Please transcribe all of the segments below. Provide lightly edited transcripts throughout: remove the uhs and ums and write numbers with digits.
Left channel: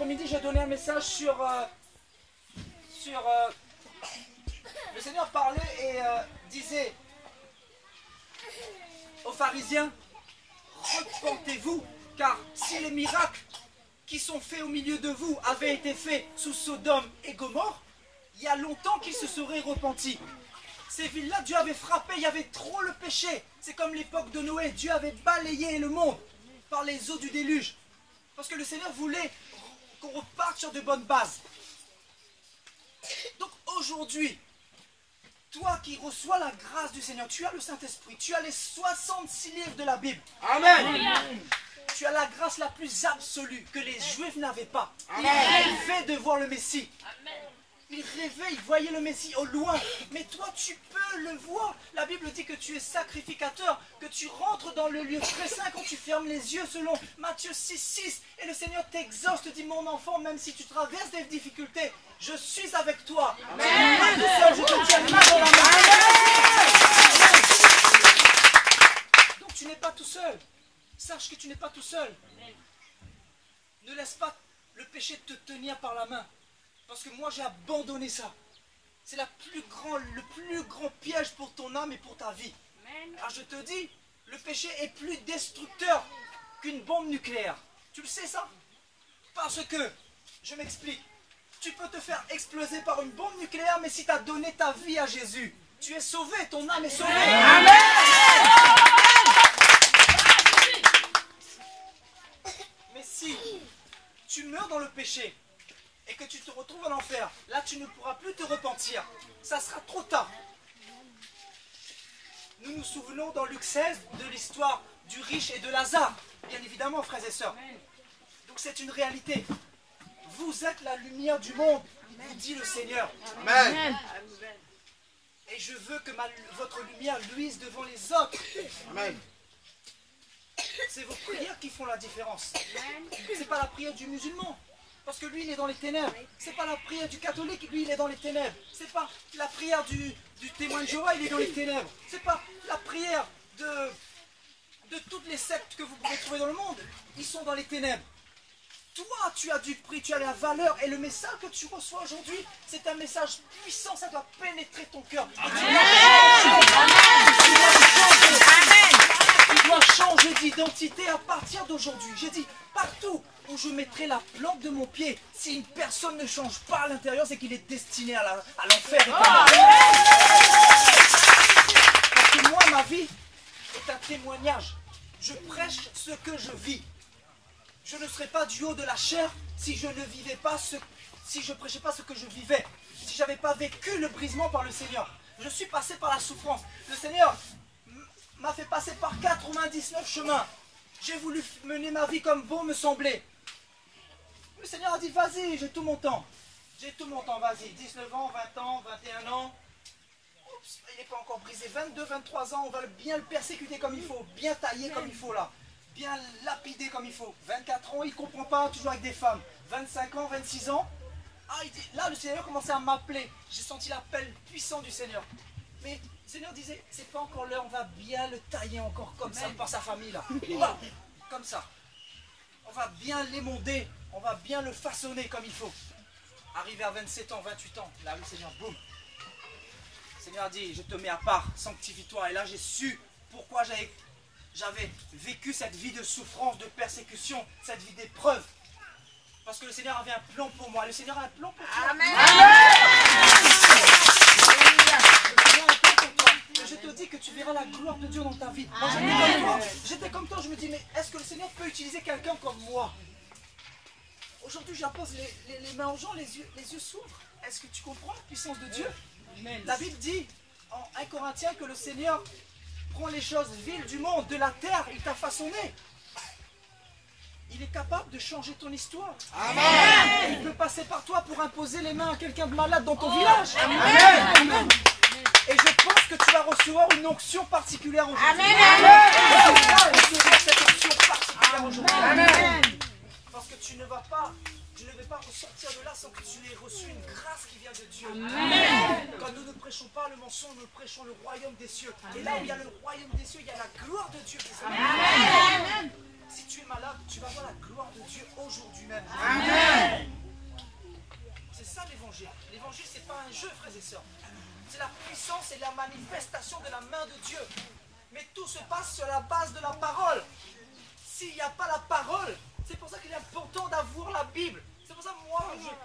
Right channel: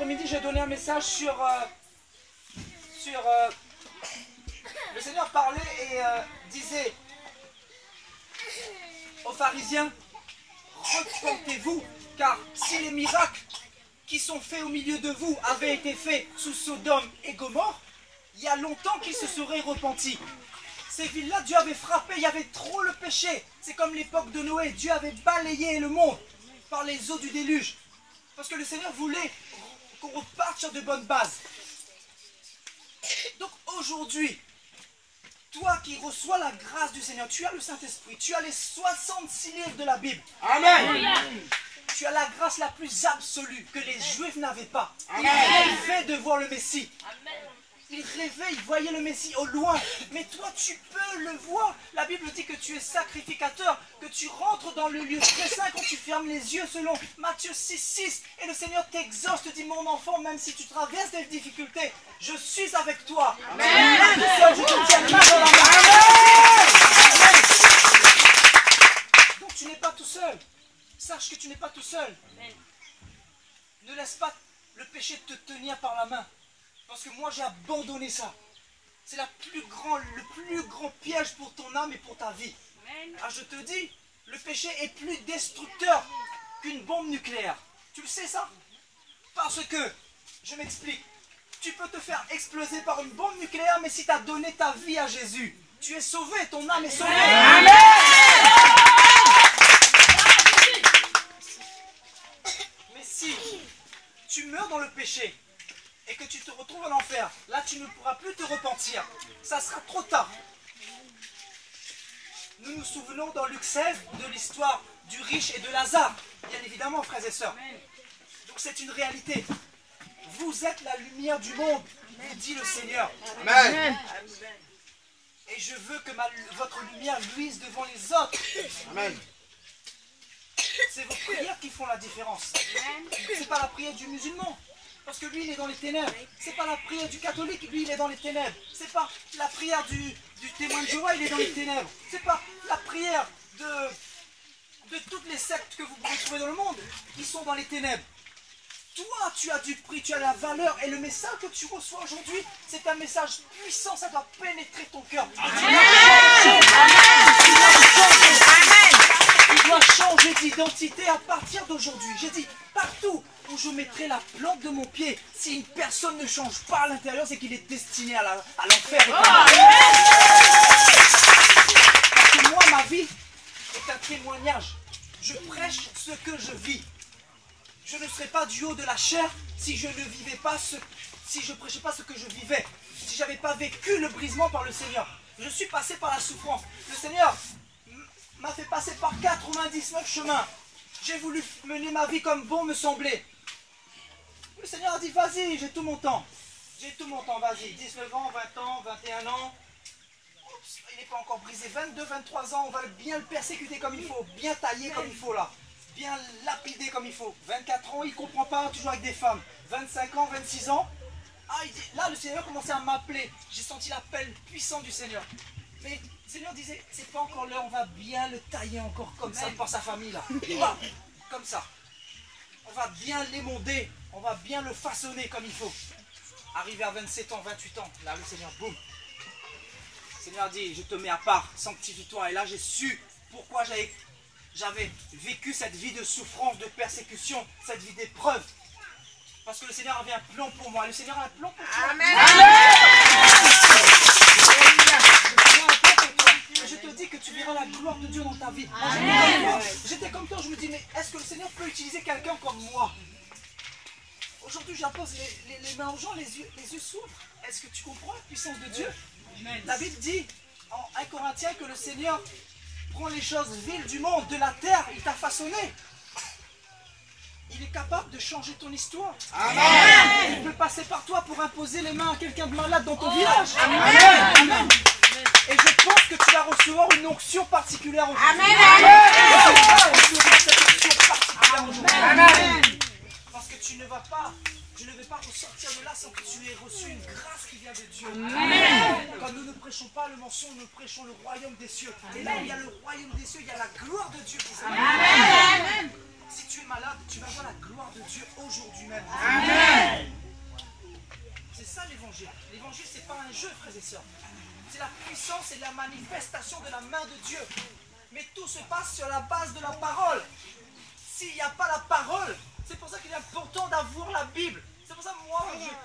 après-midi, j'ai donné un message sur le Seigneur parlait et disait aux pharisiens, repentez-vous, car si les miracles qui sont faits au milieu de vous avaient été faits sous Sodome et Gomorrhe, il y a longtemps qu'ils se seraient repentis. Ces villes-là, Dieu avait frappé, il y avait trop le péché. C'est comme l'époque de Noé, Dieu avait balayé le monde par les eaux du déluge. Parce que le Seigneur voulait qu'on reparte sur de bonnes bases. Donc aujourd'hui, toi qui reçois la grâce du Seigneur, tu as le Saint-Esprit, tu as les 66 livres de la Bible. Amen. Tu as la grâce la plus absolue que les Juifs n'avaient pas. Amen. Ils rêvaient de voir le Messie. Amen. Ils rêvaient, ils voyaient le Messie au loin. Mais toi, tu peux le voir. La Bible dit que tu es sacrificateur, que tu rentres dans le lieu très saint quand tu fermes les yeux selon Matthieu 6,6. Et le Seigneur t'exhorte, te dit, mon enfant, même si tu traverses des difficultés, je suis avec toi. Amen. Tout seul, je te tiendrai dans la main. Donc tu n'es pas tout seul. Sache que tu n'es pas tout seul. Ne laisse pas le péché te tenir par la main. Parce que moi j'ai abandonné ça. C'est le plus grand piège pour ton âme et pour ta vie. Alors je te dis, le péché est plus destructeur qu'une bombe nucléaire. Tu le sais ça? Parce que, je m'explique, tu peux te faire exploser par une bombe nucléaire, mais si tu as donné ta vie à Jésus, tu es sauvé, ton âme est sauvée. Amen. Mais si tu meurs dans le péché et que tu te retrouves en enfer, là tu ne pourras plus te repentir. Ça sera trop tard. Nous nous souvenons dans Luc 16 de l'histoire du riche et de Lazare, bien évidemment, frères et sœurs. Donc c'est une réalité. Vous êtes la lumière du monde, vous dit le Seigneur. Amen. Et je veux que votre lumière luise devant les autres. Amen. C'est vos prières qui font la différence. C'est pas la prière du musulman, parce que lui il est dans les ténèbres. C'est pas la prière du catholique, lui il est dans les ténèbres. C'est pas la prière du témoin de Jéhovah, il est dans les ténèbres. C'est pas la prière de toutes les sectes que vous pouvez trouver dans le monde, ils sont dans les ténèbres. Toi, tu as du prix, tu as la valeur, et le message que tu reçois aujourd'hui, c'est un message puissant, ça doit pénétrer ton cœur. Tu dois changer d'identité à partir d'aujourd'hui. J'ai dit, partout où je mettrai la plante de mon pied, si une personne ne change pas à l'intérieur, c'est qu'il est destiné à l'enfer. Moi, ma vie est un témoignage. Je prêche ce que je vis. Je ne serais pas du haut de la chair si je ne vivais pas si je prêchais pas ce que je vivais, si je n'avais pas vécu le brisement par le Seigneur. Je suis passé par la souffrance. Le Seigneur m'a fait passer par 99 chemins. J'ai voulu mener ma vie comme bon me semblait. Le Seigneur a dit, vas-y, j'ai tout mon temps. J'ai tout mon temps, vas-y. 19 ans, 20 ans, 21 ans. Oups, il n'est pas encore brisé. 22, 23 ans, on va bien le persécuter comme il faut, bien tailler comme il faut là. Bien lapidé comme il faut. 24 ans, il ne comprend pas, toujours avec des femmes. 25 ans, 26 ans. Ah, là, le Seigneur commençait à m'appeler. J'ai senti l'appel puissant du Seigneur. Mais le Seigneur disait, c'est pas encore l'heure, on va bien le tailler encore comme ça par sa famille là. Comme ça. On va bien l'émonder, on va bien le façonner comme il faut. Arrivé à 27 ans, 28 ans, là, le Seigneur, boum. Le Seigneur a dit, je te mets à part, sanctifie-toi. Et là, j'ai su pourquoi j'avais vécu cette vie de souffrance, de persécution, cette vie d'épreuve. Parce que le Seigneur avait un plan pour moi. Le Seigneur a un plan pour toi. Amen. Et je te dis que tu verras la gloire de Dieu dans ta vie. J'étais comme toi, je me dis, mais est-ce que le Seigneur peut utiliser quelqu'un comme moi? Aujourd'hui, j'impose les mains aux gens, les yeux s'ouvrent. Est-ce que tu comprends la puissance de Dieu? La Bible dit en 1 Corinthiens que le Seigneur prend les choses viles du monde, de la terre, il t'a façonné. Il est capable de changer ton histoire. Amen. Il peut passer par toi pour imposer les mains à quelqu'un de malade dans ton village. Amen. Amen. Et je pense que tu vas recevoir une onction particulière aujourd'hui. Amen. Parce que tu ne vais pas ressortir de là sans que tu aies reçu une grâce qui vient de Dieu. Amen. Quand nous ne prêchons pas le mensonge, nous prêchons le royaume des cieux. Et là où il y a le royaume des cieux, il y a la gloire de Dieu qui s'appelle. Si tu es malade, tu vas voir la gloire de Dieu aujourd'hui même. Amen. l'évangile. L'évangile, c'est pas un jeu, frères et sœurs. C'est la puissance et la manifestation de la main de Dieu. Mais tout se passe sur la base de la parole. S'il n'y a pas la parole, c'est pour ça qu'il est important d'avoir la Bible. C'est pour ça que moi,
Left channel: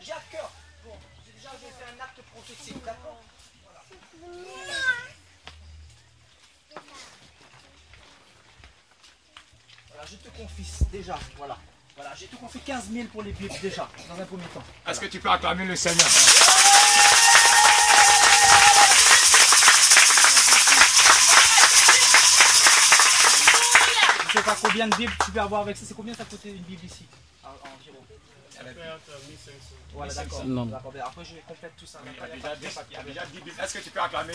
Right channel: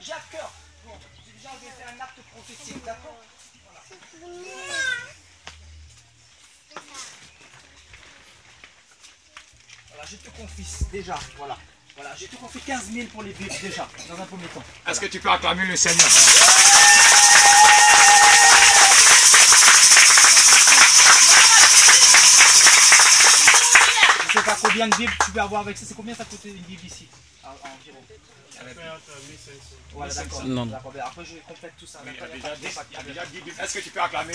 j'ai à cœur. Bon, j'ai déjà fait un acte prophétique, d'accord? Voilà, je te confie déjà, voilà. Voilà, j'ai te confié 15 000 pour les Bibles déjà, dans un premier temps. Voilà. Est-ce que tu peux acclamer le Seigneur? Je ne sais pas combien de Bibles tu peux avoir avec ça. C'est combien ça coûte une Bible ici environ? Voilà, d'accord. Après, je complète tout ça. Il y a déjà 10 Bibles. Est-ce que tu peux acclamer?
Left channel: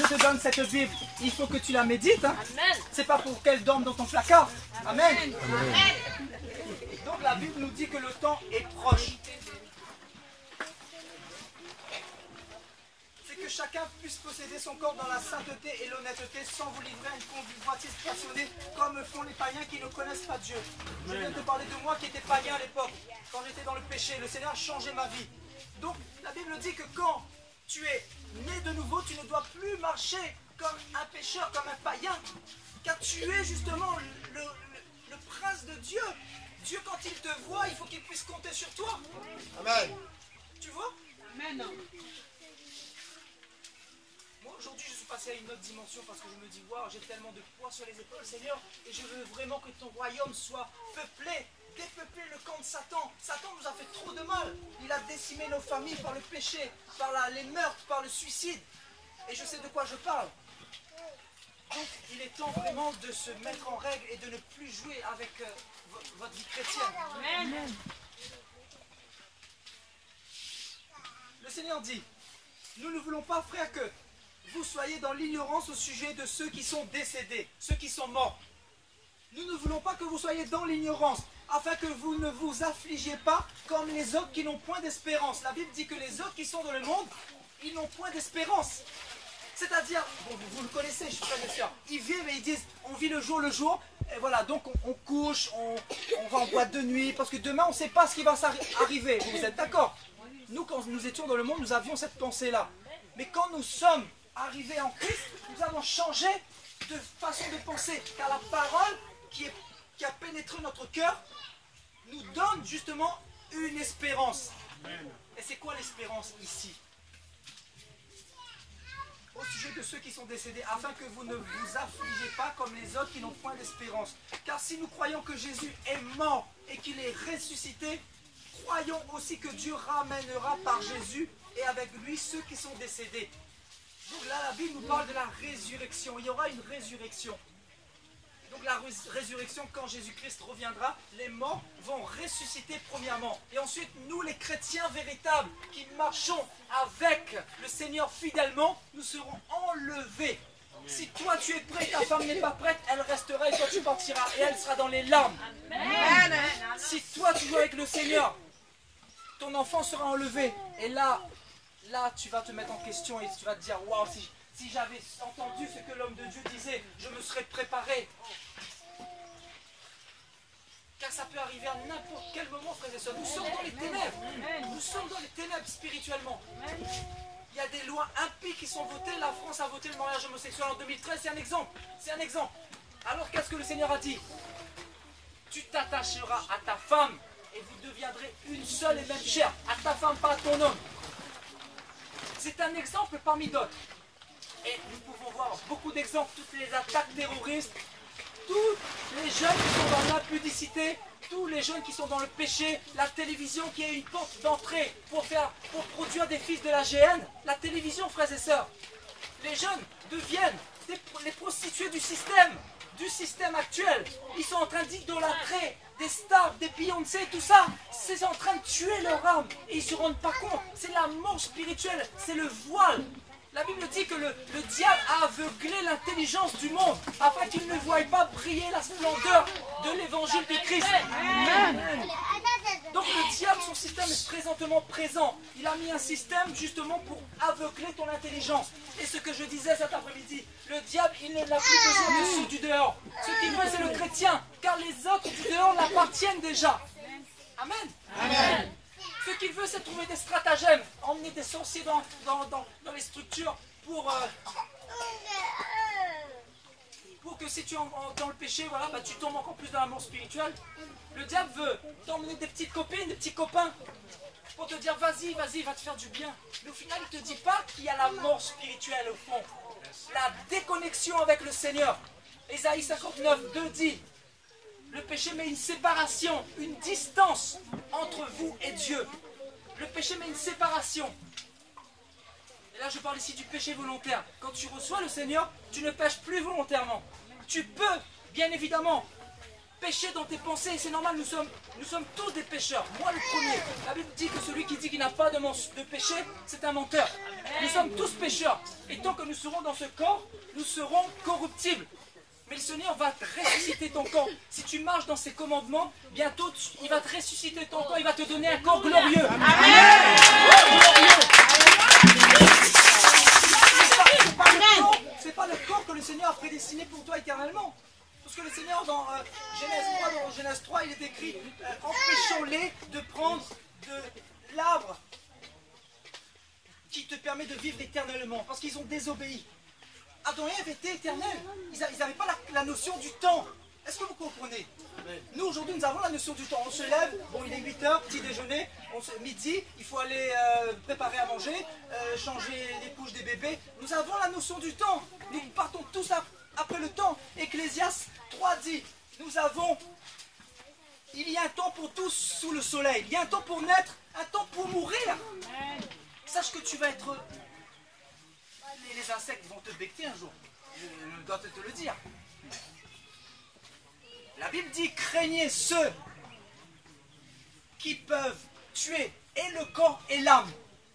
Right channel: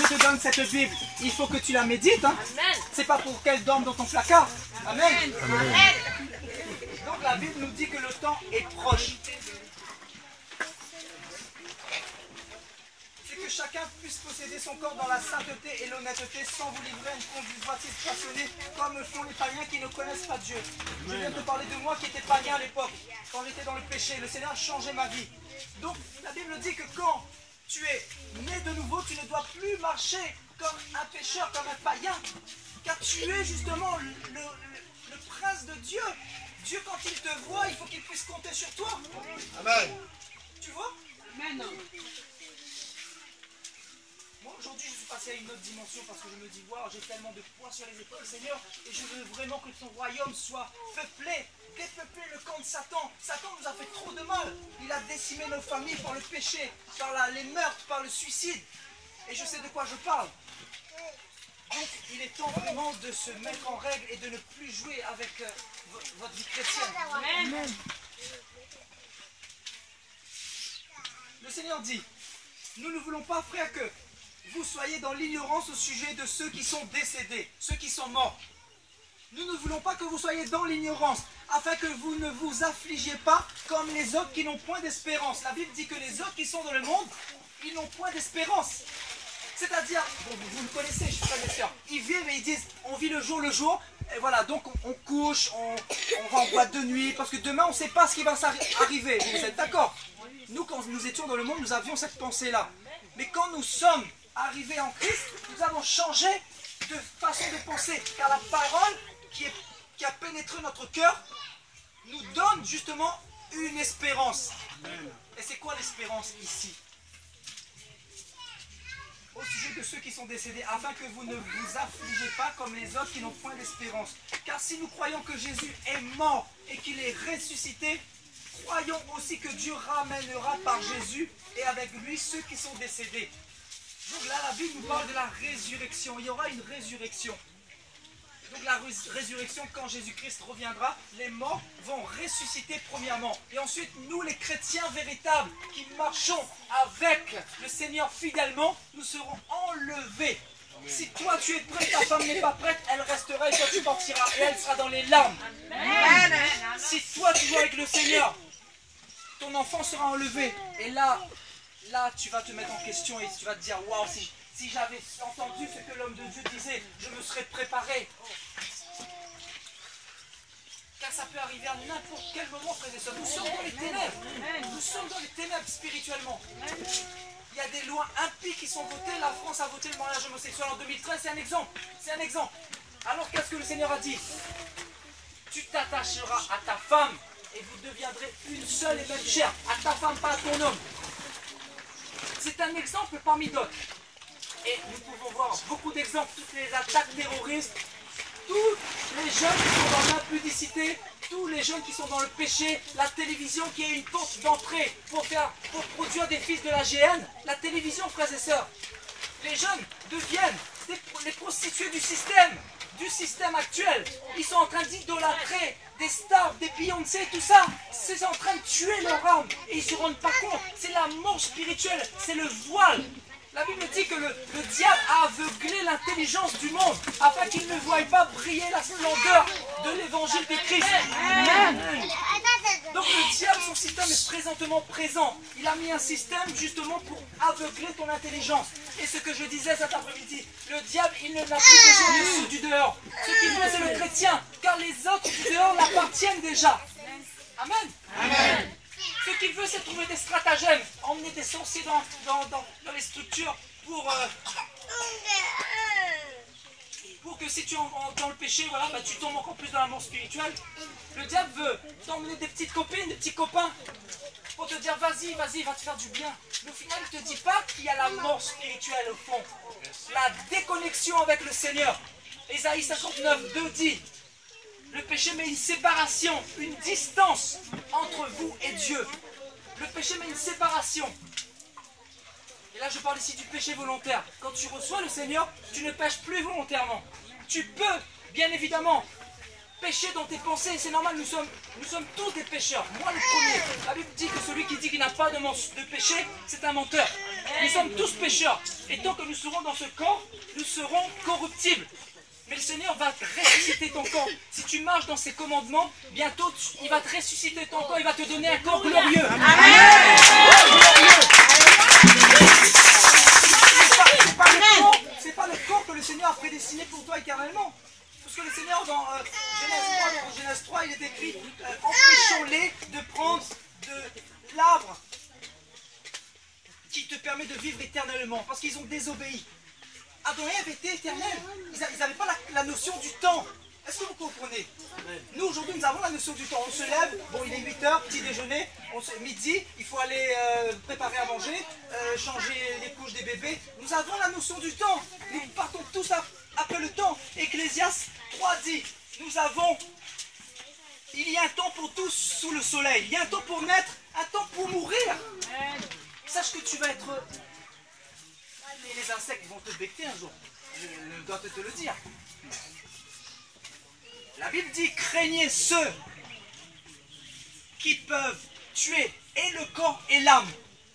Je te donne cette Bible. Il faut que tu la médites. Hein. C'est pas pour qu'elle dorme dans ton placard. Amen. Amen. Donc la Bible nous dit que le temps est proche. C'est que chacun puisse posséder son corps dans la sainteté et l'honnêteté sans vous livrer à une convoitise passionnée comme le font les païens qui ne connaissent pas Dieu. Je viens de te parler de moi qui étais païen à l'époque, quand j'étais dans le péché. Le Seigneur a changé ma vie. Donc la Bible dit que quand tu es né de nouveau, tu ne dois plus marcher comme un pécheur, comme un païen, car tu es justement le prince de Dieu. Dieu, quand il te voit, il faut qu'il puisse compter sur toi. Amen. Tu vois? Amen. Moi, aujourd'hui, je suis passé à une autre dimension parce que je me dis, wow, j'ai tellement de poids sur les épaules, Seigneur, et je veux vraiment que ton royaume soit peuplé. Dépeupler le camp de Satan. Satan nous a fait trop de mal. Il a décimé nos familles par le péché, par les meurtres, par le suicide. Et je sais de quoi je parle. Donc, il est temps vraiment de se mettre en règle et de ne plus jouer avec votre vie chrétienne. Le Seigneur dit, nous ne voulons pas, frères, que vous soyez dans l'ignorance au sujet de ceux qui sont décédés, ceux qui sont morts. Nous ne voulons pas que vous soyez dans l'ignorance, afin que vous ne vous affligiez pas comme les autres qui n'ont point d'espérance. La Bible dit que les autres qui sont dans le monde, ils n'ont point d'espérance. C'est-à-dire, vous le connaissez, frères et sœurs, ils vivent et ils disent, on vit le jour, et voilà, donc on couche, on va en boîte de nuit, parce que demain on ne sait pas ce qui va arriver. Vous êtes d'accord? Nous, quand nous étions dans le monde, nous avions cette pensée-là. Mais quand nous sommes arrivés en Christ, nous avons changé de façon de penser, car la parole qui a pénétré notre cœur nous donne justement une espérance. Et c'est quoi l'espérance ici? Au sujet de ceux qui sont décédés, afin que vous ne vous affligez pas comme les autres qui n'ont point d'espérance. Car si nous croyons que Jésus est mort et qu'il est ressuscité, croyons aussi que Dieu ramènera par Jésus et avec lui ceux qui sont décédés. Donc là, la Bible nous parle de la résurrection. Il y aura une résurrection. Donc la résurrection, quand Jésus-Christ reviendra, les morts vont ressusciter premièrement. Et ensuite, nous les chrétiens véritables qui marchons avec le Seigneur fidèlement, nous serons enlevés. Si toi tu es prêt, ta femme n'est pas prête, elle restera et toi tu partiras. Et elle sera dans les larmes. Amen. Si toi tu es avec le Seigneur, ton enfant sera enlevé. Et là tu vas te mettre en question et tu vas te dire, waouh, si j'avais entendu ce que l'homme de Dieu disait, je me serais préparé. Car ça peut arriver à n'importe quel moment, frères et sœurs. Nous sommes dans les ténèbres. Nous sommes dans les ténèbres spirituellement. Il y a des lois impies qui sont votées. La France a voté le mariage homosexuel en 2013. C'est un exemple. C'est un exemple. Alors qu'est-ce que le Seigneur a dit? Tu t'attacheras à ta femme et vous deviendrez une seule et même chair. À ta femme, pas à ton homme. C'est un exemple parmi d'autres. Et nous pouvons voir beaucoup d'exemples, toutes les attaques terroristes, tous les jeunes qui sont dans l'impudicité, tous les jeunes qui sont dans le péché, la télévision qui est une porte d'entrée pour produire des fils de la géhenne, la télévision, frères et sœurs. Les jeunes deviennent les prostituées du système actuel. Ils sont en train d'idolâtrer des stars, des Beyoncé et tout ça. C'est en train de tuer leur âme et ils ne se rendent pas compte. C'est l'amour spirituel, c'est le voile. La Bible dit que le diable a aveuglé l'intelligence du monde afin qu'il ne voie pas briller la splendeur de l'évangile de Christ. Amen. Donc le diable, son système est présentement présent. Il a mis un système justement pour aveugler ton intelligence. Et ce que je disais cet après-midi, le diable, il ne n'a plus besoin de ceux du dehors. Ce qu'il veut, c'est le chrétien, car les autres du dehors l'appartiennent déjà. Amen. Amen. Ce qu'il veut, c'est trouver des stratagèmes, emmener des sorciers dans les structures pour que si tu es dans le péché, voilà, bah, tu tombes encore plus dans la mort spirituelle. Le diable veut t'emmener des petites copines, des petits copains, pour te dire vas-y, vas-y, va te faire du bien. Mais au final, il ne te dit pas qu'il y a la mort spirituelle au fond. La déconnexion avec le Seigneur. Ésaïe 59, 2 dit, le péché met une séparation, une distance entre vous et Dieu. Le péché met une séparation. Et là, je parle ici du péché volontaire. Quand tu reçois le Seigneur, tu ne pêches plus volontairement. Tu peux, bien évidemment, pécher dans tes pensées. C'est normal, nous sommes tous des pécheurs. Moi, le premier. La Bible dit que celui qui dit qu'il n'a pas de péché, c'est un menteur. Nous sommes tous pécheurs. Et tant que nous serons dans ce corps, nous serons corruptibles. Mais le Seigneur va ressusciter ton corps. Si tu marches dans ses commandements, bientôt, il va te ressusciter ton corps. Il va te donner un corps glorieux. C'est pas le corps que le Seigneur a prédestiné pour toi éternellement. Parce que le Seigneur, dans Genèse 3, il est écrit empêchons-les de prendre de l'arbre qui te permet de vivre éternellement. Parce qu'ils ont désobéi. Adam et Ève étaient éternels. Ils n'avaient pas la notion du temps. Est-ce que vous comprenez? Nous, aujourd'hui, nous avons la notion du temps. On se lève, bon, il est 8h, petit déjeuner, midi, il faut aller préparer à manger, changer les couches des bébés. Nous avons la notion du temps. Nous partons tous après le temps. Ecclésiaste 3 dit, il y a un temps pour tous sous le soleil. Il y a un temps pour naître, un temps pour mourir. Sache que tu vas être... Et les insectes vont te becter un jour. Je dois te le dire. La Bible dit, craignez ceux qui peuvent tuer et le corps et l'âme.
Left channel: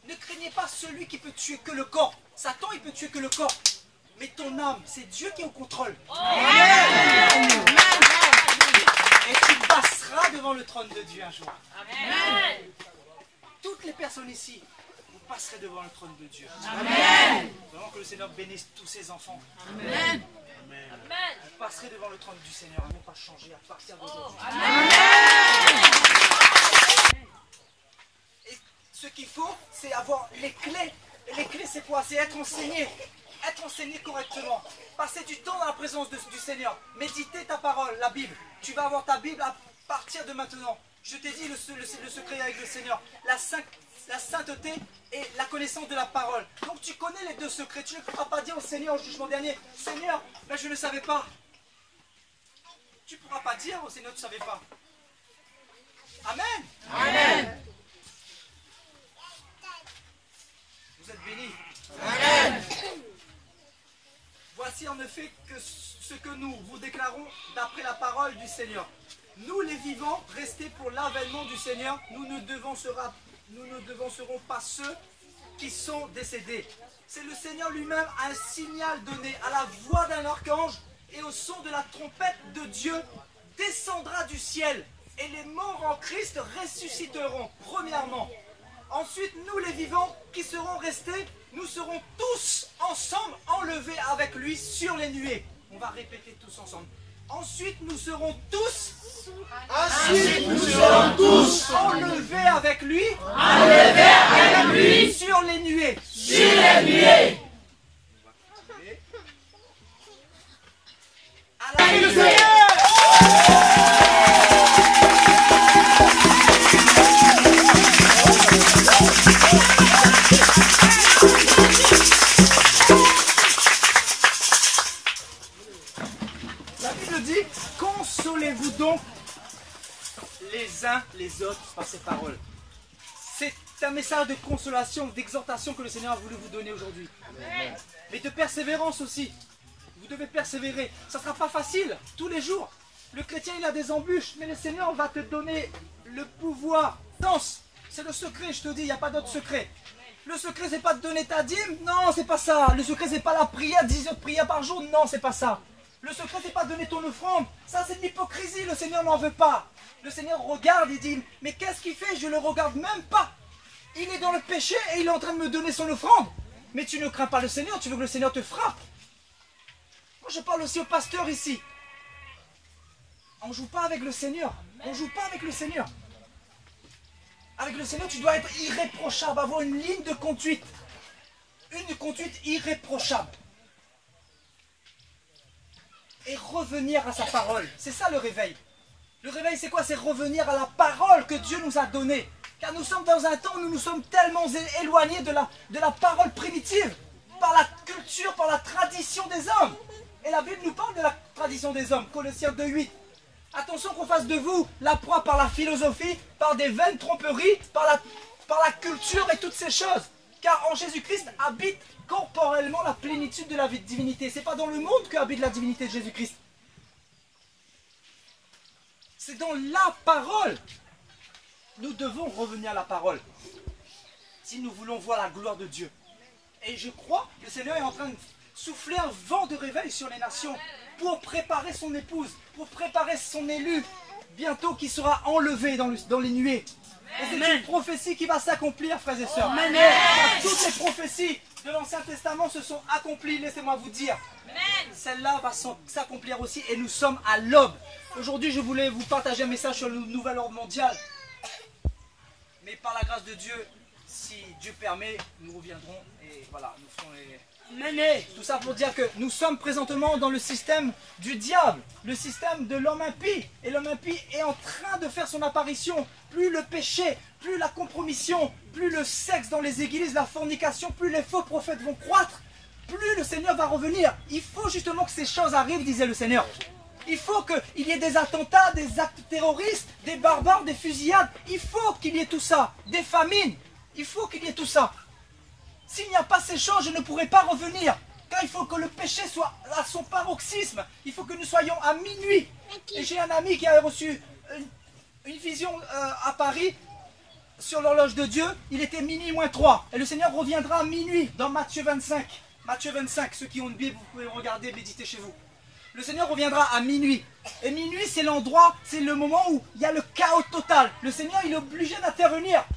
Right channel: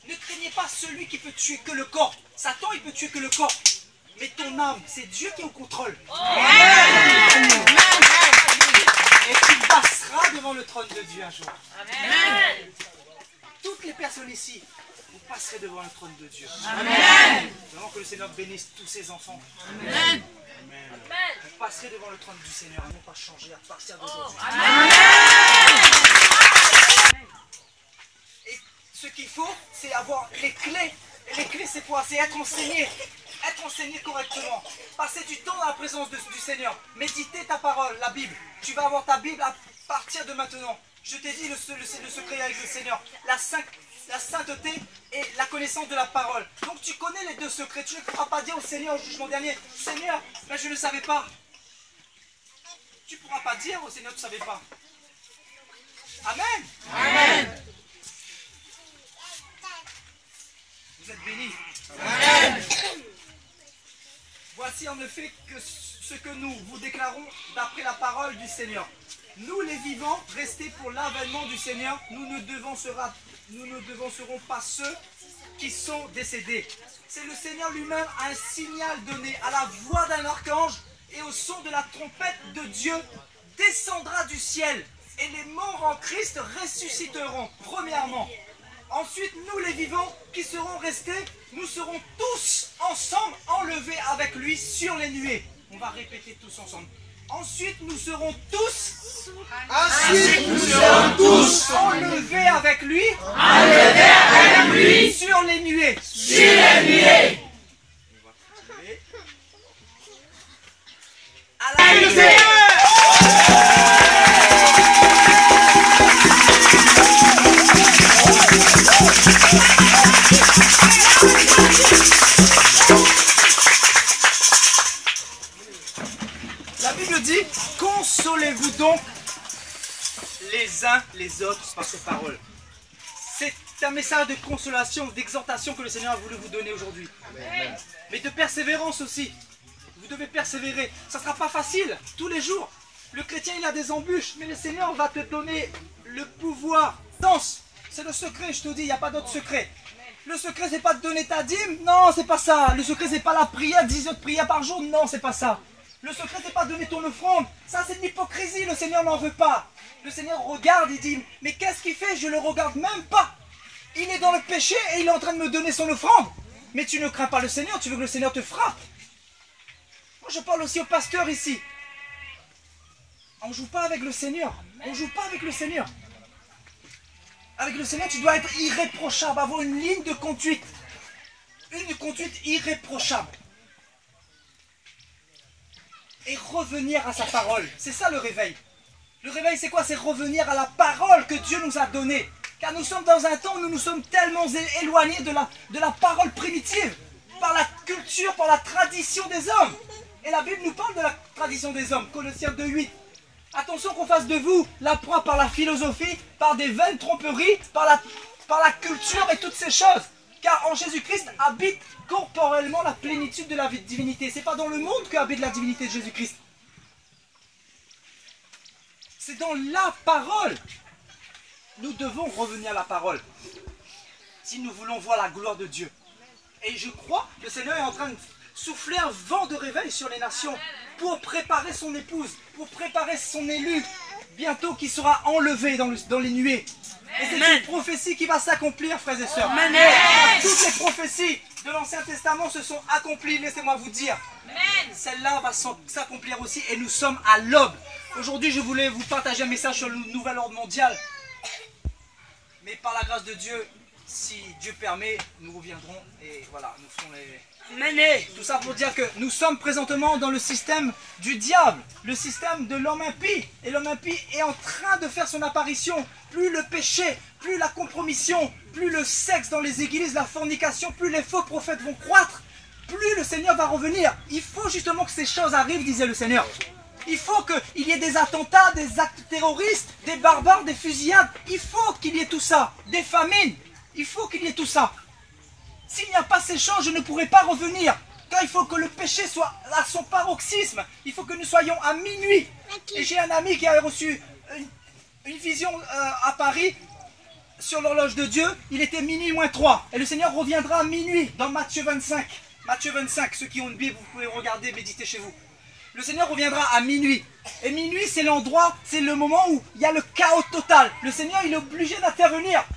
Ne craignez pas celui qui peut tuer que le corps. Satan, il peut tuer que le corps. Mais ton âme, c'est Dieu qui est au contrôle. Amen. Et tu passeras devant le trône de Dieu un jour. Amen. Toutes les personnes ici, vous passerez devant le trône de Dieu. Amen. Vraiment que le Seigneur bénisse tous ses enfants. Amen. Vous passerez devant le trône du Seigneur à ne pas changer à partir d'aujourd'hui. Et ce qu'il faut, c'est avoir les clés. Et les clés, c'est quoi? C'est être enseigné. Être enseigné correctement. Passer du temps dans la présence du Seigneur. Méditer ta parole, la Bible. Tu vas avoir ta Bible à partir de maintenant. Je t'ai dit le secret avec le Seigneur. La sainteté et la connaissance de la parole. Donc tu connais les deux secrets. Tu ne pourras pas dire au Seigneur au jugement dernier, Seigneur, mais je ne savais pas. Tu ne pourras pas dire au Seigneur, tu ne savais pas. Amen. Amen. Vous êtes bénis. Amen. Voici en effet que ce que nous vous déclarons d'après la parole du Seigneur. Nous les vivants, restés pour l'avènement du Seigneur, nous ne devancerons pas ceux qui sont décédés. C'est le Seigneur lui-même, un signal donné à la voix d'un archange et au son de la trompette de Dieu descendra du ciel et les morts en Christ ressusciteront, premièrement. Ensuite, nous les vivants qui serons restés, nous serons tous ensemble enlevés avec lui sur les nuées. On va répéter tous ensemble. Ensuite, nous serons tous enlevés avec lui sur les nuées. La Bible dit, consolez-vous donc les uns les autres par cette parole. C'est un message de consolation, d'exhortation que le Seigneur a voulu vous donner aujourd'hui. Mais de persévérance aussi. Vous devez persévérer. Ça ne sera pas facile tous les jours. Le chrétien, il a des embûches, mais le Seigneur va te donner le pouvoir. Danse, c'est le secret, je te dis, il n'y a pas d'autre secret. Le secret, c'est pas de donner ta dîme, non, c'est pas ça. Le secret, c'est pas la prière, 10 heures de prière par jour, non, c'est pas ça. Le secret, c'est pas donner ton offrande. Ça, c'est de l'hypocrisie. Le Seigneur n'en veut pas. Le Seigneur regarde et dit, mais qu'est-ce qu'il fait? Je le regarde même pas. Il est dans le péché et il est en train de me donner son offrande. Mais tu ne crains pas le Seigneur, tu veux que le Seigneur te frappe. Moi, je parle aussi au pasteur ici. On ne joue pas avec le Seigneur. On ne joue pas avec le Seigneur. Avec le Seigneur, tu dois être irréprochable, avoir une ligne de conduite. Une conduite irréprochable. Et revenir à sa parole. C'est ça le réveil. Le réveil, c'est quoi? C'est revenir à la parole que Dieu nous a donnée. Car nous sommes dans un temps où nous nous sommes tellement éloignés de la parole primitive. Par la culture, par la tradition des hommes. Et la Bible nous parle de la tradition des hommes. Colossiens 2:8. Attention qu'on fasse de vous la proie par la philosophie, par des vaines tromperies, par la culture et toutes ces choses. Car en Jésus-Christ habite corporellement la plénitude de la divinité. Ce n'est pas dans le monde que habite la divinité de Jésus-Christ. C'est dans la parole. Nous devons revenir à la parole. Si nous voulons voir la gloire de Dieu. Et je crois que le Seigneur est en train de souffler un vent de réveil sur les nations pour préparer son épouse, pour préparer son élu, bientôt qui sera enlevé dans les nuées. Et c'est une prophétie qui va s'accomplir, frères et sœurs. Amen. Toutes les prophéties de l'Ancien Testament se sont accomplies, laissez-moi vous dire. Celle-là va s'accomplir aussi et nous sommes à l'aube. Aujourd'hui, je voulais vous partager un message sur le nouvel ordre mondial. Mais par la grâce de Dieu, si Dieu permet, nous reviendrons et voilà, nous ferons les... Tout ça pour dire que nous sommes présentement dans le système du diable, le système de l'homme impie. Et l'homme impie est en train de faire son apparition. Plus le péché, plus la compromission, plus le sexe dans les églises, la fornication, plus les faux prophètes vont croître, plus le Seigneur va revenir. Il faut justement que ces choses arrivent, disait le Seigneur. Il faut qu'il y ait des attentats, des actes terroristes, des barbares, des fusillades. Il faut qu'il y ait tout ça. Des famines. Il faut qu'il y ait tout ça. S'il n'y a pas ces choses, je ne pourrai pas revenir. Car il faut que le péché soit à son paroxysme. Il faut que nous soyons à minuit. Et j'ai un ami qui a reçu une vision à Paris sur l'horloge de Dieu. Il était minuit moins 3. Et le Seigneur reviendra à minuit dans Matthieu 25. Matthieu 25, ceux qui ont une Bible, vous pouvez regarder, méditer chez vous. Le Seigneur reviendra à minuit. Et minuit, c'est l'endroit, c'est le moment où il y a le chaos total. Le Seigneur, il est obligé d'intervenir